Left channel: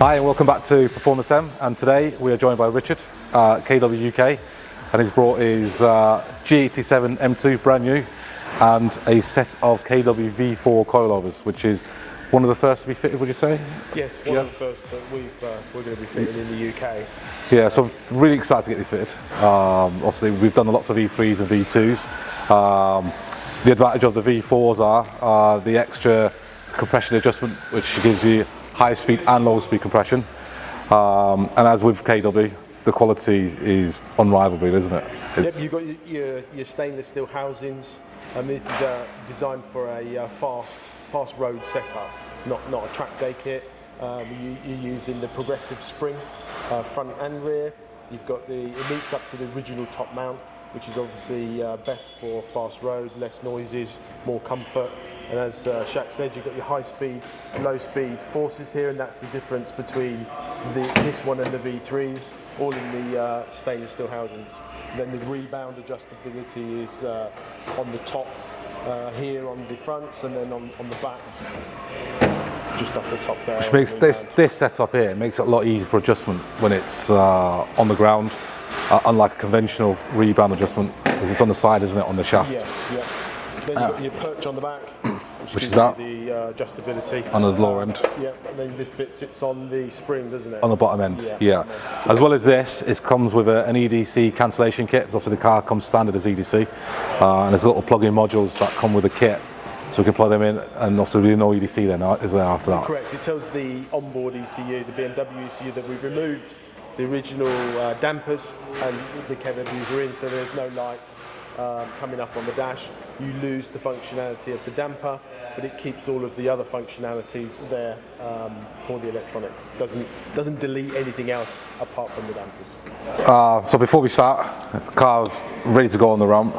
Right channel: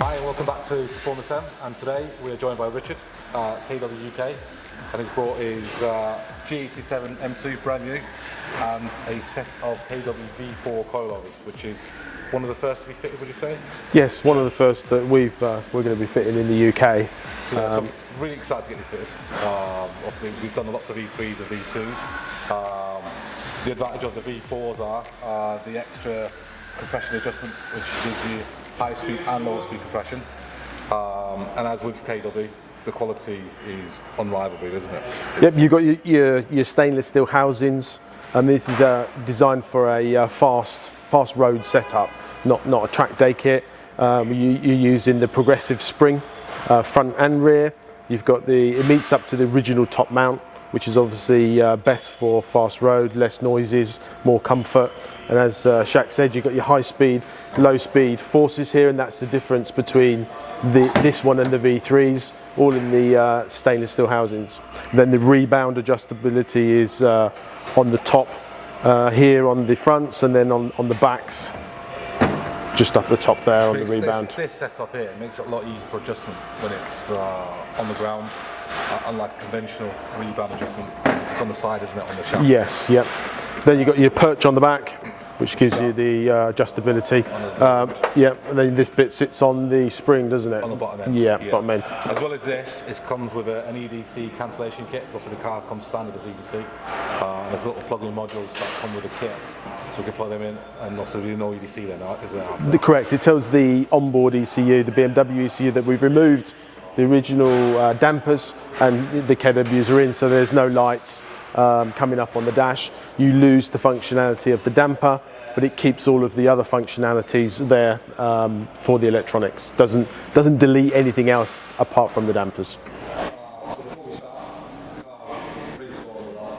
Hi and welcome back to PerformanceM, and today we are joined by Richard, KW UK, and he's brought his G87 M2 brand new and a set of KW V4 coilovers, which is one of the first to be fitted, would you say? Yes, one of the first that we're going to be fitting in the UK. Yeah, so really excited to get this fitted. Obviously we've done lots of V3s and V2s. The advantage of the V4s are the extra compression adjustment, which gives you high speed and low speed compression. And as with KW, the quality is unrivaled, isn't it? Yep, you've got your stainless steel housings, and this is designed for a fast road setup, not a track day kit. You're using the progressive spring, front and rear. You've got it meets up to the original top mount, which is obviously best for fast road, less noises, more comfort. And as Shak said, you've got your high speed, low speed forces here, and that's the difference between this one and the V3s, all in the stainless steel housings. Then the rebound adjustability is on the top here on the fronts, and then on the backs, just up the top there. Which makes this setup here makes it a lot easier for adjustment when it's on the ground, unlike a conventional rebound adjustment, because it's on the side, isn't it, on the shaft? Yes, yep. Then you've got your perch on the back, which gives you the adjustability. And there's low end. Yep, and then this bit sits on the spring, doesn't it? On the bottom end. Yeah, bottom end. As well as this, it comes with an EDC cancellation kit. Obviously the car comes standard as EDC. And there's little plug-in modules that come with the kit. So we can plug them in, and also there's no EDC then, is there, after that? Correct, it tells the onboard ECU, the BMW ECU, that we've removed the original dampers and the KWs are in, so there's no lights coming up on the dash. You lose the functionality of the damper, but it keeps all of the other functionalities there for the electronics. Doesn't delete anything else apart from the dampers. So before we start, the car's ready to go on the ramp.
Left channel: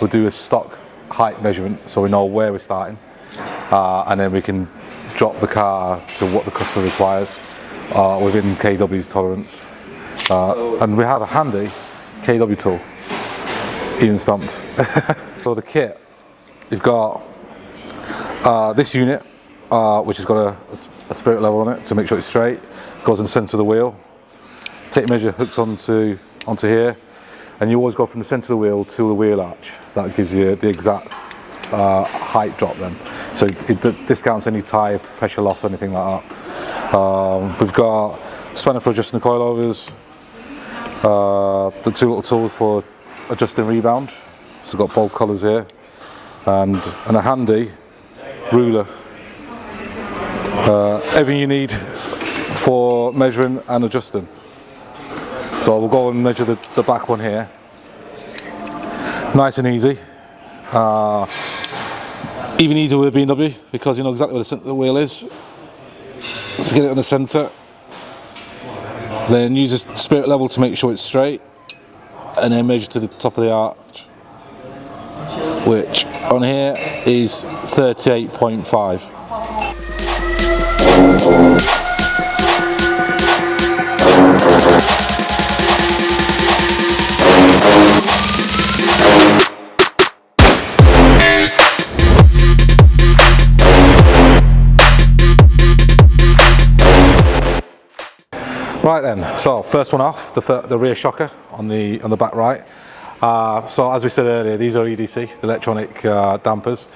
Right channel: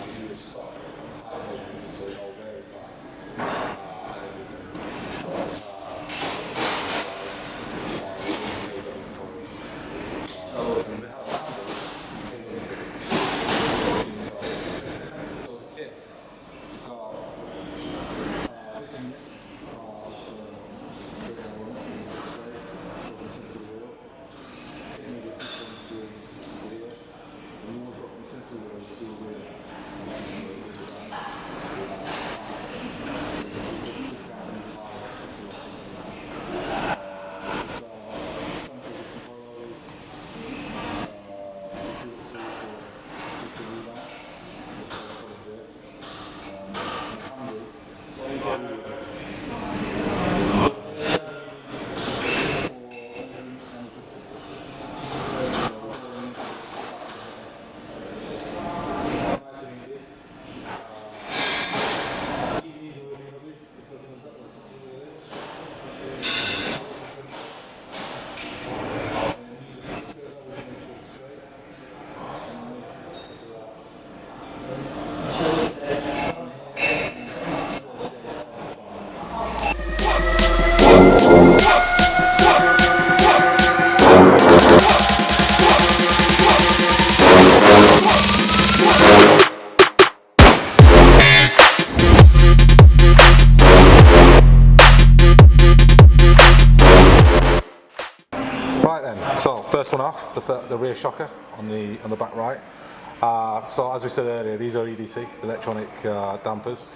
We'll do a stock height measurement so we know where we're starting, and then we can drop the car to what the customer requires within KW's tolerance. And we have a handy KW tool, even stamped. For the kit, you've got this unit, which has got a spirit level on it to make sure it's straight. Goes in the centre of the wheel. Tape measure hooks onto here, and you always go from the centre of the wheel to the wheel arch. That gives you the exact height drop then. So it discounts any tyre pressure loss or anything like that. We've got spanner for adjusting the coilovers, the two little tools for adjusting rebound. So we've got both colours here, and a handy ruler. Everything you need for measuring and adjusting. So we'll go and measure the back one here. Nice and easy. Even easier with a BMW because you know exactly where the centre of the wheel is. So get it in the centre. Then use a spirit level to make sure it's straight, and then measure to the top of the arch, which on here is 38.5. Right then, so first one off, the rear shocker on the back right. So as we said earlier, these are EDC, the electronic dampers,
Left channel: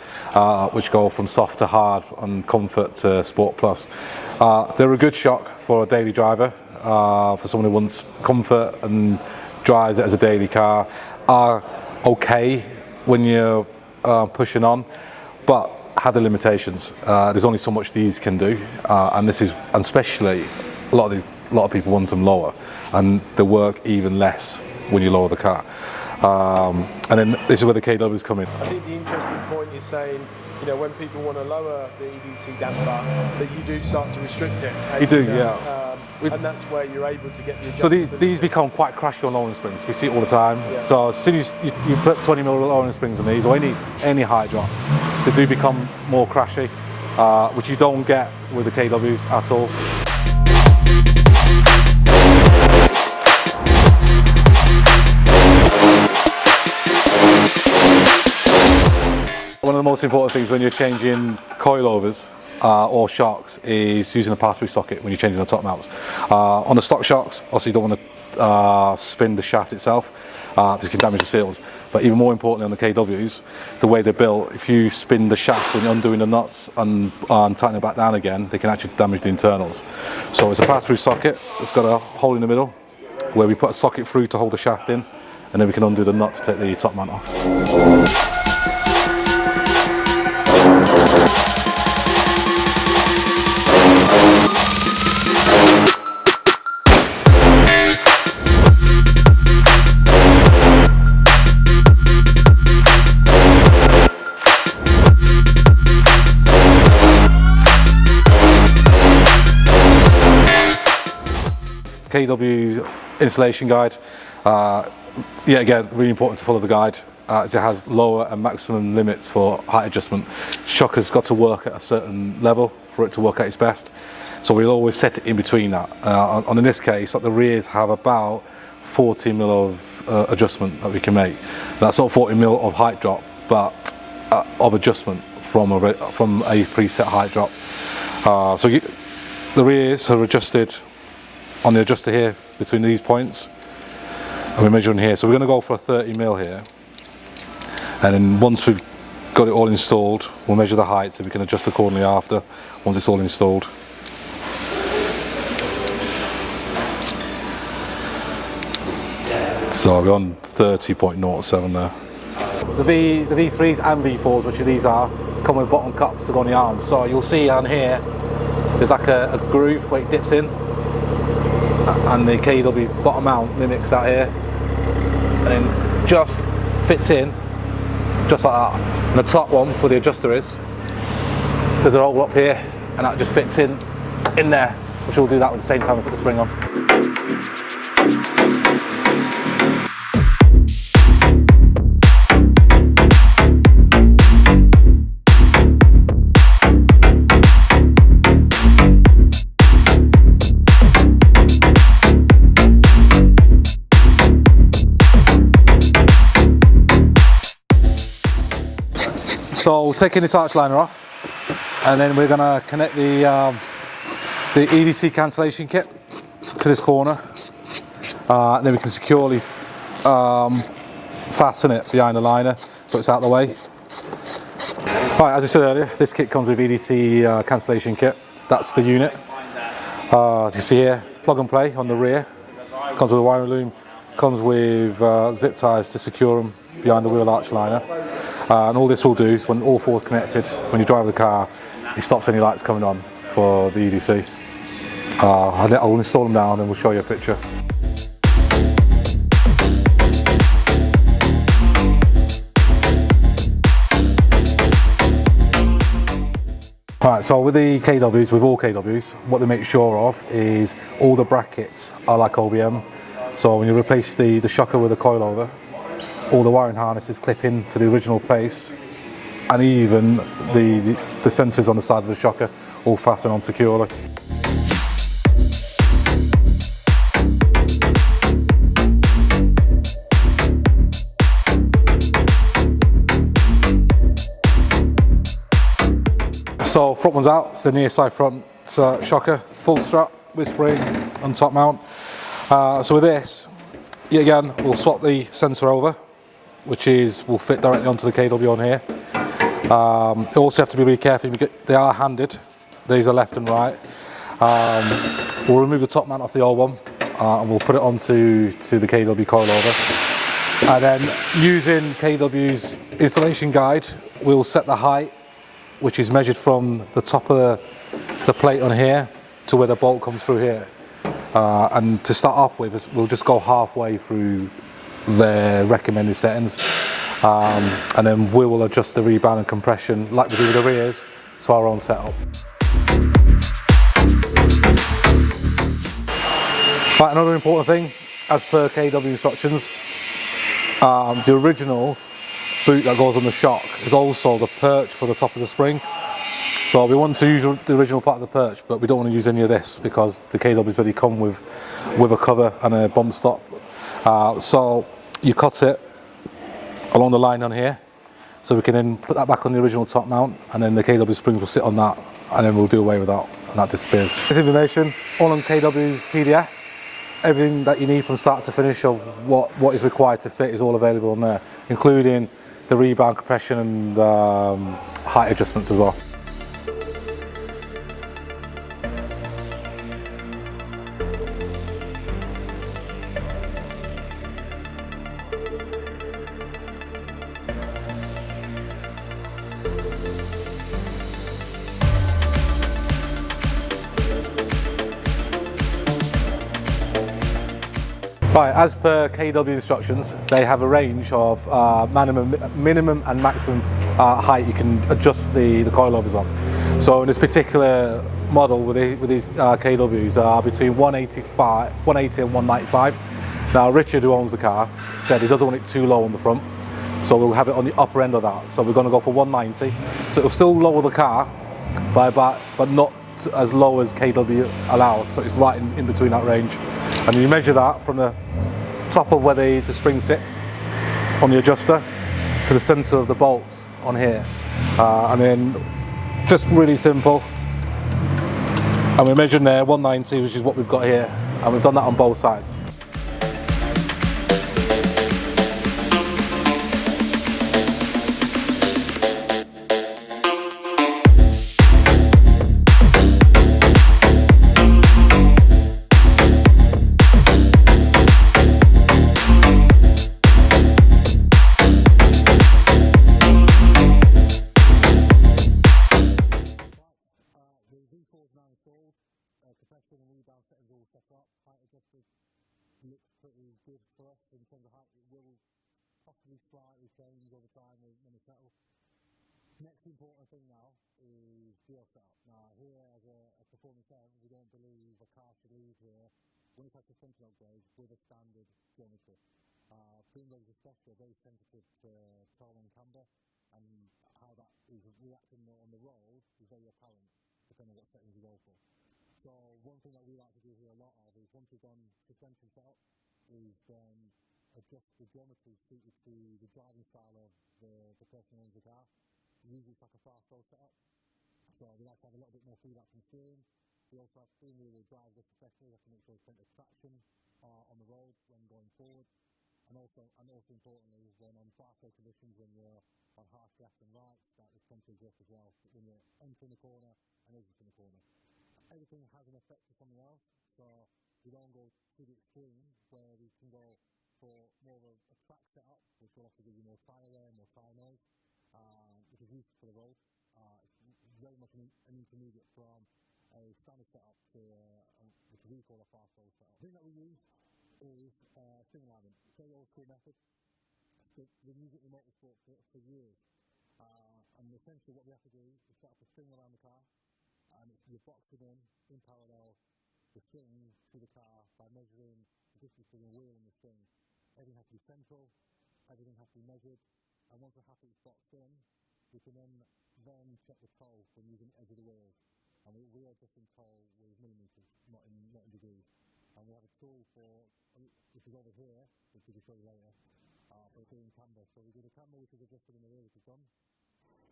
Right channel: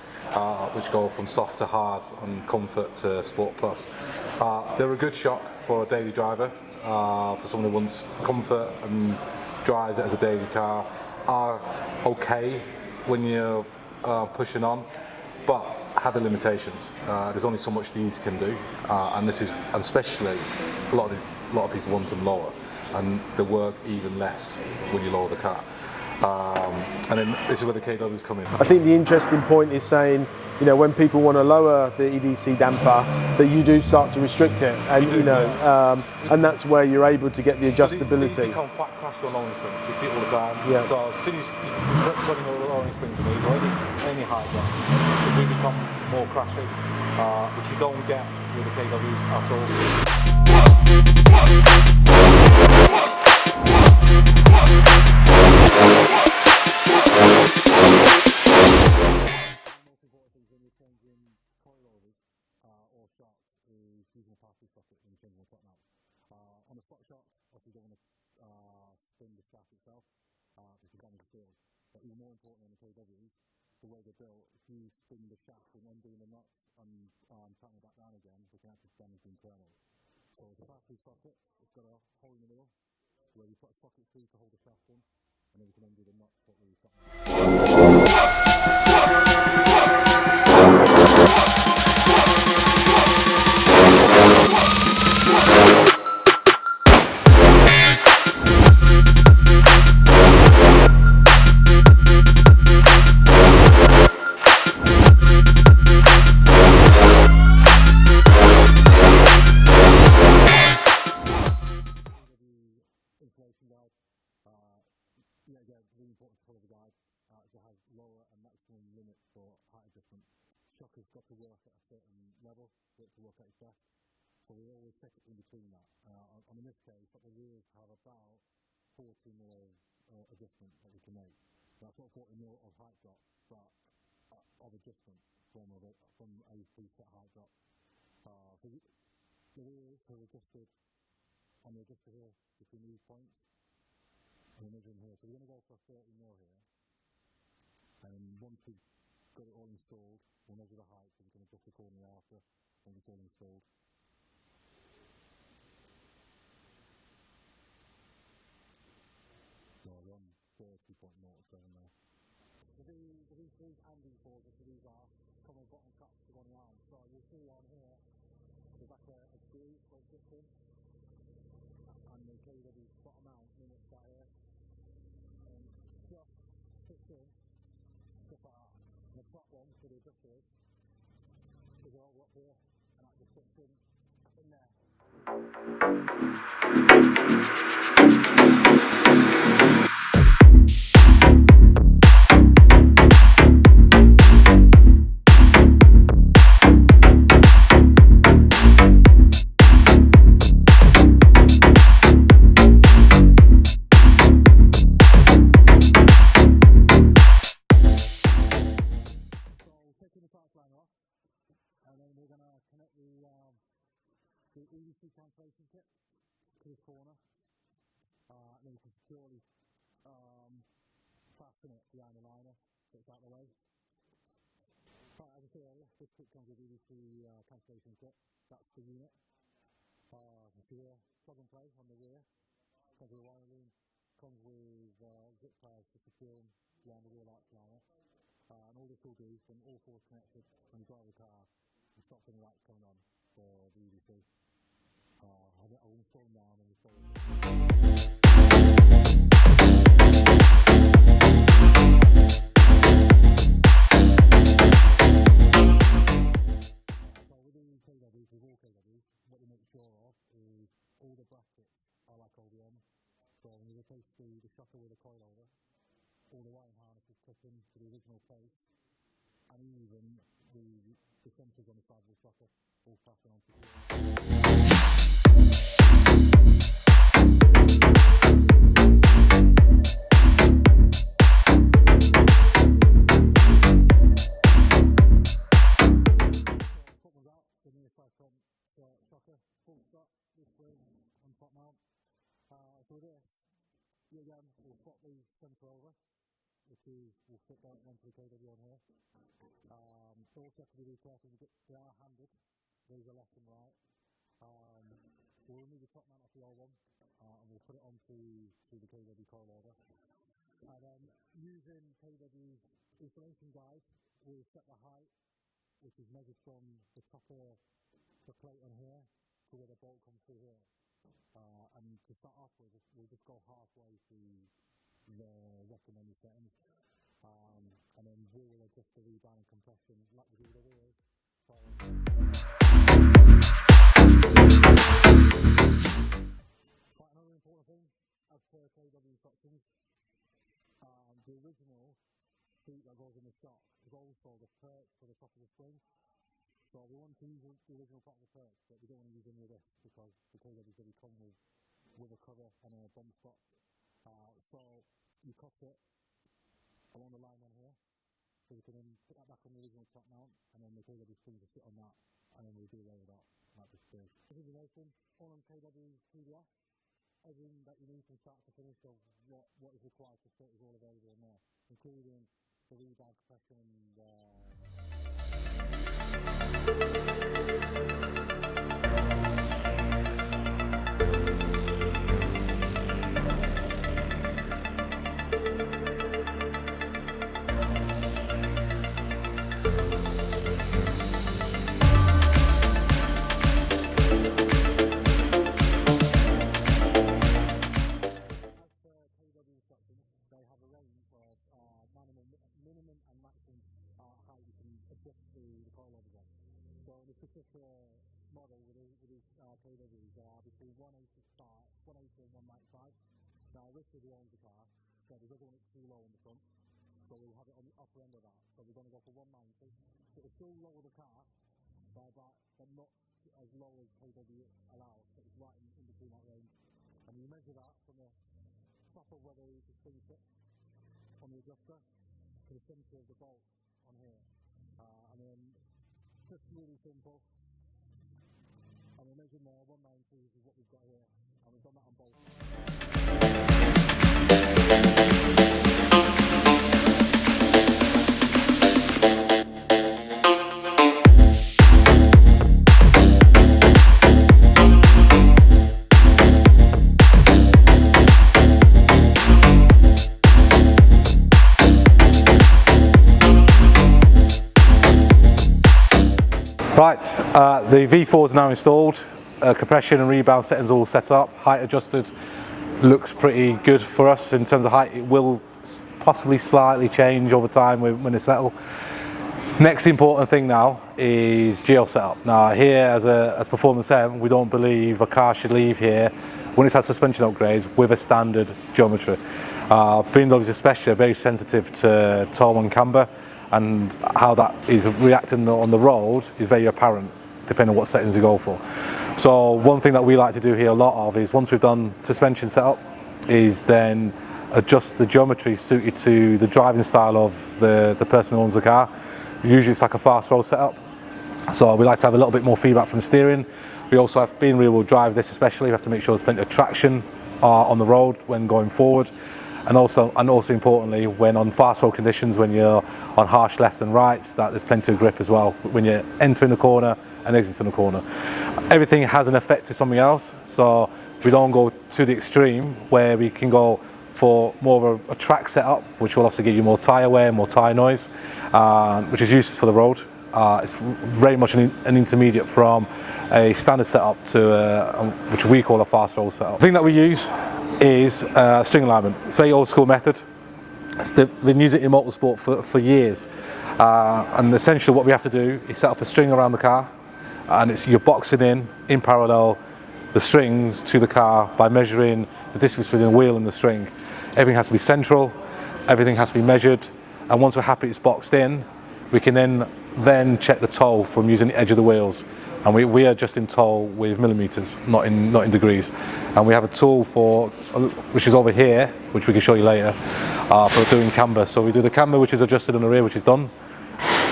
which go from soft to hard and comfort to Sport Plus. They're a good shock for a daily driver, for someone who wants comfort and drives it as a daily car. Are okay when you're pushing on, but had the limitations. There's only so much these can do, and especially a lot of people want them lower, and they work even less when you lower the car. And then this is where the KWs come in. I think the interesting point is saying, you know, when people want to lower the EDC damper, that you do start to restrict it. You do, yeah. And that's where you're able to get the adjustability. So these become quite crashy on lowering springs. We see it all the time. Yeah. So as soon as you put 20mm lowering springs on these, or any height drop, they do become more crashy, which you don't get with the KWs at all. One of the most important things when you're changing coilovers or shocks is using a pass-through socket when you're changing the top mounts. On the stock shocks, obviously you don't want to spin the shaft itself because it can damage the seals. But even more importantly on the KWs, the way they're built, if you spin the shaft when you're undoing the nuts and tightening it back down again, they can actually damage the internals. So it's a pass-through socket. It's got a hole in the middle where we put a socket through to hold the shaft in, and then we can undo the nut to take the top mount off. KW installation guide. Yeah, again, really important to follow the guide as it has lower and maximum limits for height adjustment. Shock has got to work at a certain level for it to work at its best. So we'll always set it in between that. In this case, like the rears have about 40 mil of adjustment that we can make. That's not 40 mil of height drop, but of adjustment from a preset height drop. The rears are adjusted on the adjuster here between these points, and we're measuring here. So we're going to go for a 30 mil here, and then once we've got it all installed, we'll measure the height so we can adjust accordingly after, once it's all installed. So we're on 30.07 there. The V3s and V4s, which these are, come with bottom cups to go on the arms. So you'll see on here, there's like a groove where it dips in, and the KW bottom mount mimics that here, and then just fits in, just like that. And the top one, where the adjuster is, there's a hole up here, and that just fits in there, which we'll do that at the same time we put the spring on. So taking this arch liner off, and then we're going to connect the EDC cancellation kit to this corner, and then we can securely fasten it behind the liner so it's out of the way. Right, as I said earlier, this kit comes with EDC cancellation kit. That's the unit. As you see here, plug and play on the rear. Comes with a wiring loom. Comes with zip ties to secure them behind the wheel arch liner. And all this will do is, when all four are connected, when you drive the car, it stops any lights coming on for the EDC. I'll install them now and then we'll show you a picture. Right, so with the KWs, with all KWs, what they make sure of is all the brackets are like OBM. So when you replace the shocker with a coilover, all the wiring harnesses clip into the original place, and even the sensors on the side of the shocker all fasten on securely. So front one's out, it's the near side front shocker, full strap with spring and top mount. So with this, yet again, we'll swap the sensor over, which will fit directly onto the KW on here. You also have to be really careful, they are handed, these are left and right. We'll remove the top mount off the old one, and we'll put it onto the KW coilover. And then using KW's installation guide, we'll set the height, which is measured from the top of the plate on here to where the bolt comes through here. And to start off with, we'll just go halfway through the recommended settings, and then we will adjust the rebound and compression like we do with the rears to our own setup. Right, another important thing, as per KW instructions, the original boot that goes on the shock is also the perch for the top of the spring. So we want to use the original part of the perch, but we don't want to use any of this because the KWs already come with a cover and a bump stop. So you cut it along the line on here, so we can then put that back on the original top mount, and then the KW springs will sit on that and then we'll do away with that, and that disappears. This information all on KW's PDF. Everything that you need from start to finish of what is required to fit is all available on there, including the rebound, compression and height adjustments as well. Right, as per KW instructions, they have a range of minimum and maximum height you can adjust the coilovers on. So in this particular model with these KWs are between 180 and 195. Now Richard, who owns the car, said he doesn't want it too low on the front, so we'll have it on the upper end of that. So we're going to go for 190. So it'll still lower the car by about, but not as low as KW allows, so it's right in between that range. And you measure that from the top of where the spring sits on the adjuster to the centre of the bolts on here, and then just really simple, and we're measuring there 190, which is what we've got here, and we've done that on both sides. Right, the V4 is now installed, compression and rebound settings all set up, height adjusted, looks pretty good for us in terms of height. It will possibly slightly change over time when they settle. Next important thing now is geo setup. Now here as PerformanceM, we don't believe a car should leave here when it's had suspension upgrades with a standard geometry. BMWs especially are very sensitive to toe and camber, and how that is reacting on the road is very apparent depending on what settings you go for. So one thing that we like to do here a lot of is, once we've done suspension setup, is then adjust the geometry suited to the driving style of the person who owns the car. Usually it's like a fast roll setup, so we like to have a little bit more feedback from the steering. We also have, being rear wheel drive this especially, we have to make sure there's plenty of traction on the road when going forward. And also importantly, when on fast road conditions, when you're on harsh lefts and rights, that there's plenty of grip as well when you're entering the corner and exiting the corner. Everything has an effect to something else, so we don't go to the extreme where we can go for more of a track setup, which will also give you more tyre wear, more tyre noise, which is useless for the road. It's very much an intermediate from a standard setup to which we call a fast roll setup. The thing that we use is string alignment. It's a very old school method. They've been using it in motorsport for years, and essentially what we have to do is set up a string around the car, and you're boxing in parallel the strings to the car by measuring the distance between the wheel and the string. Everything has to be central, everything has to be measured, and once we're happy it's boxed in, we can then check the toe from using the edge of the wheels. And we are just in toe with millimeters, not in degrees. And we have a tool which is over here, which we can show you later, for doing camber. So we do the camber, which is adjusted on the rear, which is done.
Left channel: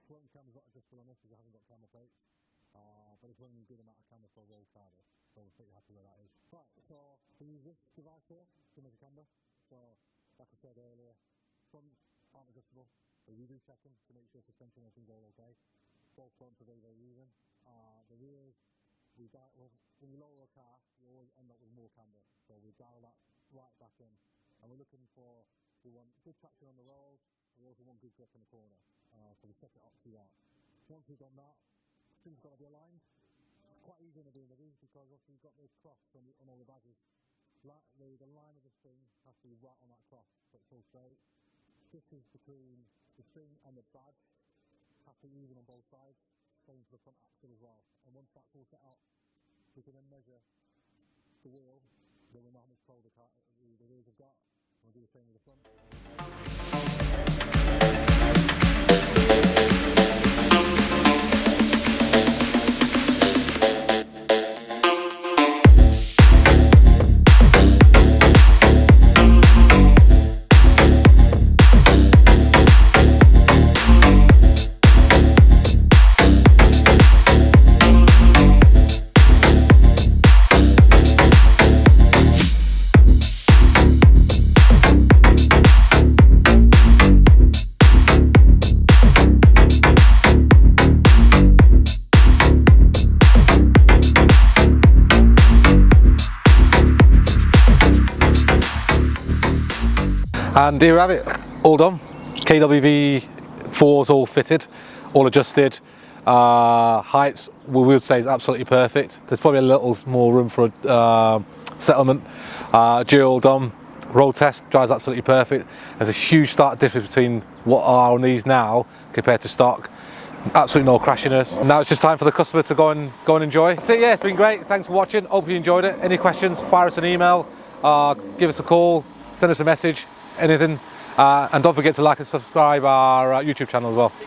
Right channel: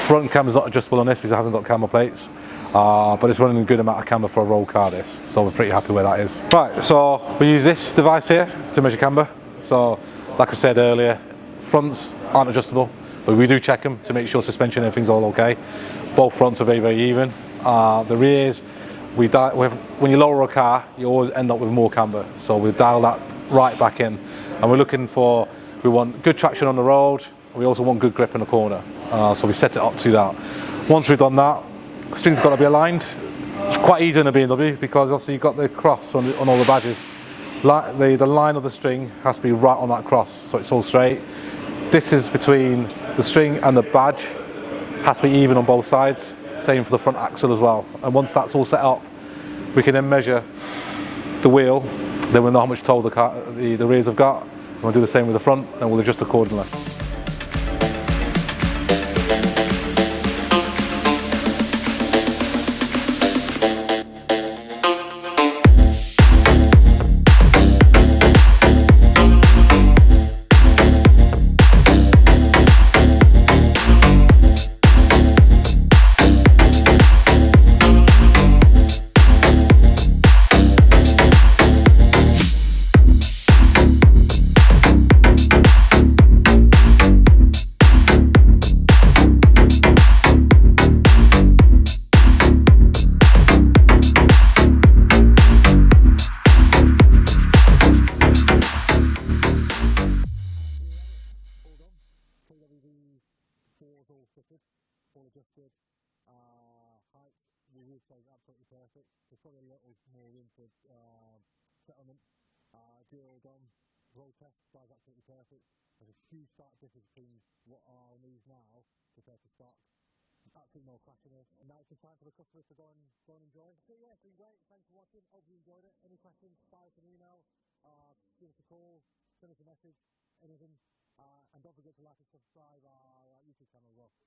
Front camber is not adjustable on this because it hasn't got camber plates, but it's running a good amount of camber for a roll car this, so we're pretty happy where that is. Right, so we use this device here to measure camber. So like I said earlier, fronts aren't adjustable, but we do check them to make sure suspension and everything's all okay. Both fronts are very, very even. The rears, when you lower a car, you always end up with more camber, so we dial that right back in. And we want good traction on the road, we also want good grip in the corner, so we set it up to that. Once we've done that, the string's got to be aligned. It's quite easy in a BMW because obviously you've got the cross on all the badges. The line of the string has to be right on that cross, so it's all straight. Distance between the string and the badge has to be even on both sides. Same for the front axle as well. And once that's all set up, we can then measure the wheel. Then we'll know how much toe the rears have got. And we'll do the same with the front, and we'll adjust accordingly. And here we have it, all done. KWV 4's all fitted, all adjusted. Heights, we would say, is absolutely perfect. There's probably a little more room for settlement. Dual done. Road test drives absolutely perfect. There's a huge stark difference between what are on these now compared to stock. Absolutely no crashiness. Now it's just time for the customer to go and enjoy. So yeah, it's been great. Thanks for watching. Hope you enjoyed it. Any questions, fire us an email, give us a call, send us a message, anything. And don't forget to like and subscribe our YouTube channel as well.